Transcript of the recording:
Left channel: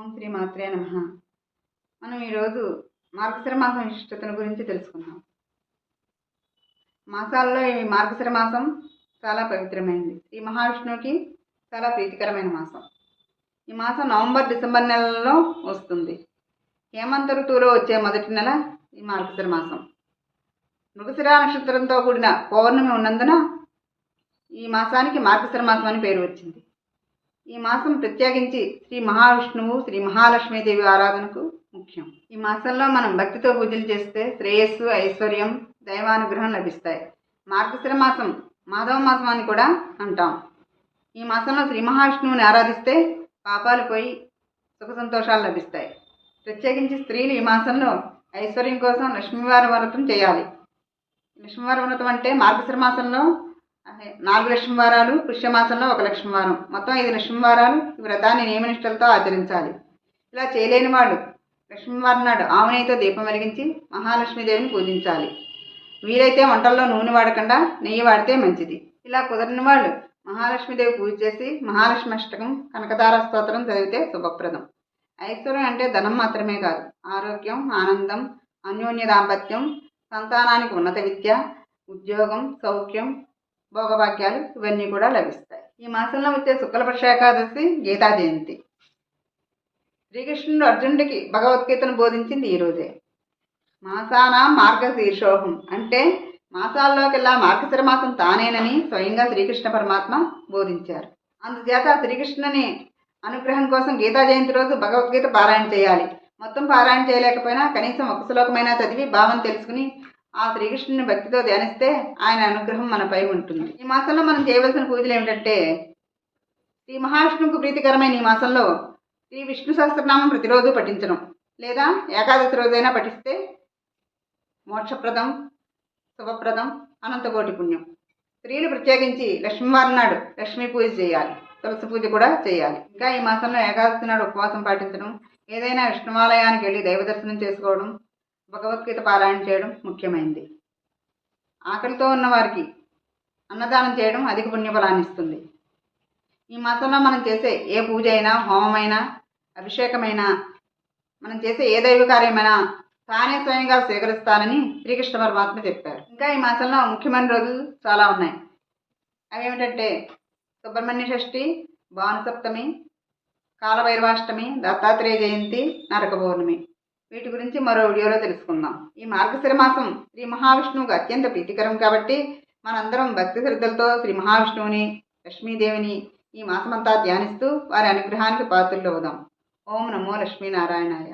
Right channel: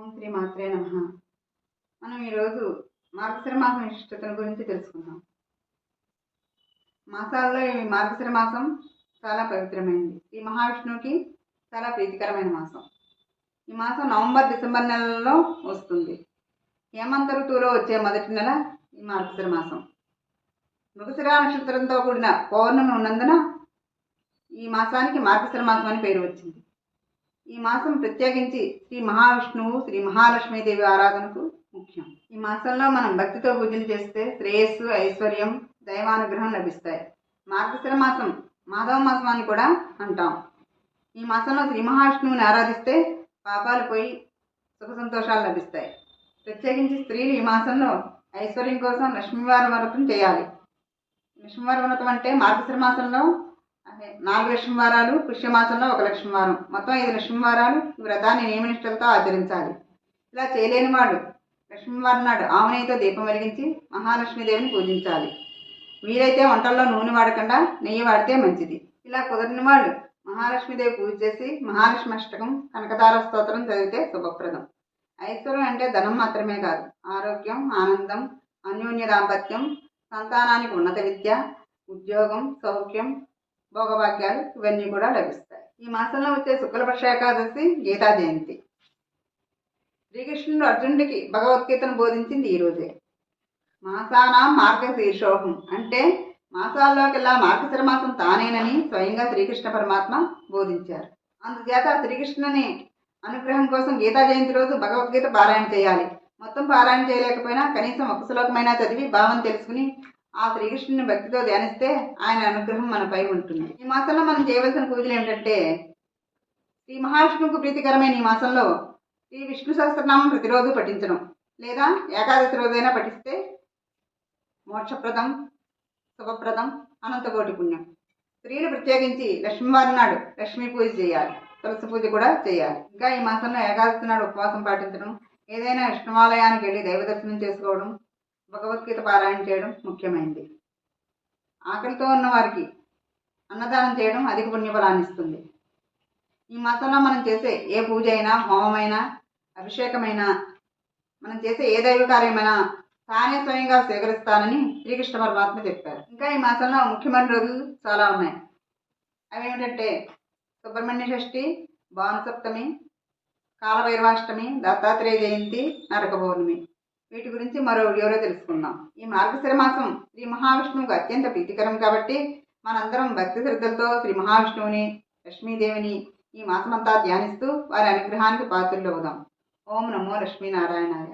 ఓం శ్రీ మాత్రే నమః. మనం ఈరోజు మార్గశిర మాసం విశిష్టతను గురించి తెలుసుకుందాం. మాసాల్లో ఈ మార్గశిర మాసం చాలా పవిత్రమైనది. శ్రీ మహావిష్ణువుకి చాలా ప్రీతికరమైన మాసం. ఈ మాసం నవంబర్ డిసెంబర్ నెలల్లో వస్తుంది. హేమంత ఋతువులో వచ్చే మొదటి నెల ఈ మార్గశిర మాసం. మృగశిర నక్షత్రంతో కూడిన పౌర్ణమి ఉన్నందున ఈ మాసానికి మార్గశిర మాసం అని పేరు వచ్చింది. ఈ మాసం ప్రత్యేకించి శ్రీ మహావిష్ణువు శ్రీ మహాలక్ష్మీదేవి ఆరాధనకు ముఖ్యం. ఈ మాసంలో మనం భక్తితో పూజలు చేస్తే శ్రేయస్సు, ఐశ్వర్యం, దైవానుగ్రహం లభిస్తాయి. మార్గశిర మాసం మాధవ మాసం అని కూడా అంటాం. ఈ మాసంలో శ్రీ మహావిష్ణువుని ఆరాధిస్తే పాపాలు పోయి సుఖ సంతోషాలు లభిస్తాయి. ప్రత్యేకించి స్త్రీలు ఈ మాసంలో ఐశ్వర్యం కోసం లక్ష్మీవార వ్రతం చేయాలి. లక్ష్మీవార వ్రతం అంటే మార్గశిర మాసంలో 4 లక్ష్మీవారాలు, పుష్యమాసంలో 1 లక్ష్మీవారం, మొత్తం 5 లక్ష్మీవారాలు ఈ వ్రతాన్ని నియమనిష్టలతో ఆచరించాలి. ఇలా చేయలేని వాళ్ళు లక్ష్మీవారం నాడు ఆవునేయితో దీపం వెలిగించి మహాలక్ష్మీదేవిని పూజించాలి. వీలైతే వంటల్లో నూనె వాడకుండా నెయ్యి వాడితే మంచిది. ఇలా కుదరని వాళ్ళు మహాలక్ష్మీదేవి పూజ చేసి మహాలక్ష్మి అష్టకం, కనకతార స్తోత్రం చదివితే శుభప్రదం. ఐశ్వర్యం అంటే ధనం మాత్రమే కాదు, ఆరోగ్యం, ఆనందం, అన్యోన్య దాంపత్యం, సంతానానికి ఉన్నత విద్య, ఉద్యోగం, సౌఖ్యం, భోగభాగ్యాలు ఇవన్నీ కూడా లభిస్తాయి. ఈ మాసంలో వచ్చే శుక్లపక్ష ఏకాదశి గీతా జయంతి. శ్రీకృష్ణుడు అర్జునుడికి భగవద్గీతను బోధించింది ఈరోజే. మాసానాం మార్గశీర్షోహం అంటే మాసాల్లోకెల్లా మార్గశిర మాసం తానేనని స్వయంగా శ్రీకృష్ణ పరమాత్మ బోధించారు. అందుచేత శ్రీకృష్ణుని అనుగ్రహం కోసం గీతా జయంతి రోజు భగవద్గీత పారాయణ చేయాలి. మొత్తం పారాయణ చేయలేకపోయినా కనీసం ఒక శ్లోకమైనా చదివి భావం తెలుసుకుని ఆ శ్రీకృష్ణుని భక్తితో ధ్యానిస్తే ఆయన అనుగ్రహం మనపై ఉంటుంది. ఈ మాసంలో మనం చేయవలసిన పూజలు ఏమిటంటే, శ్రీ మహావిష్ణువుకు ప్రీతికరమైన ఈ మాసంలో శ్రీ విష్ణు సహస్రనామం ప్రతిరోజు పఠించడం, లేదా ఏకాదశి రోజైనా పఠిస్తే మోక్షప్రదం, శుభప్రదం, అనంతకోటి పుణ్యం. స్త్రీలు ప్రత్యేకించి లక్ష్మీవారం నాడు లక్ష్మీ పూజ చేయాలి, తులసి పూజ కూడా చేయాలి. ఇంకా ఈ మాసంలో ఏకాదశి నాడు ఉపవాసం పాటించడం, ఏదైనా విష్ణువాలయానికి వెళ్ళి దైవ దర్శనం చేసుకోవడం, భగవద్గీత పారాయణ చేయడం ముఖ్యమైనది. ఆకలితో ఉన్న వారికి అన్నదానం చేయడం అధిక పుణ్యఫలాన్ని ఇస్తుంది. ఈ మాసంలో మనం చేసే ఏ పూజ అయినా, హోమమైనా, అభిషేకమైనా, మనం చేసే ఏ దైవ కార్యమైనా తానే స్వయంగా స్వీకరిస్తానని శ్రీకృష్ణ పరమాత్మ చెప్పారు. ఇంకా ఈ మాసంలో ముఖ్యమైన రోజులు చాలా ఉన్నాయి. అవి ఏమిటంటే సుబ్రహ్మణ్య షష్ఠి, భానుసప్తమి, కాలభైరవాష్టమి, దత్తాత్రేయ జయంతి, నరక పౌర్ణమి. వీటి గురించి మరో వీడియోలో తెలుసుకుందాం. ఈ మార్గశిర మాసం శ్రీ మహావిష్ణువుకు అత్యంత ప్రీతికరం కాబట్టి మనందరం భక్తి శ్రద్ధలతో శ్రీ మహావిష్ణువుని, లక్ష్మీదేవిని ఈ మాసమంతా ధ్యానిస్తూ వారి అనుగ్రహానికి పాత్రలు అవుదాం. ఓం నమో లక్ష్మీనారాయణాయ.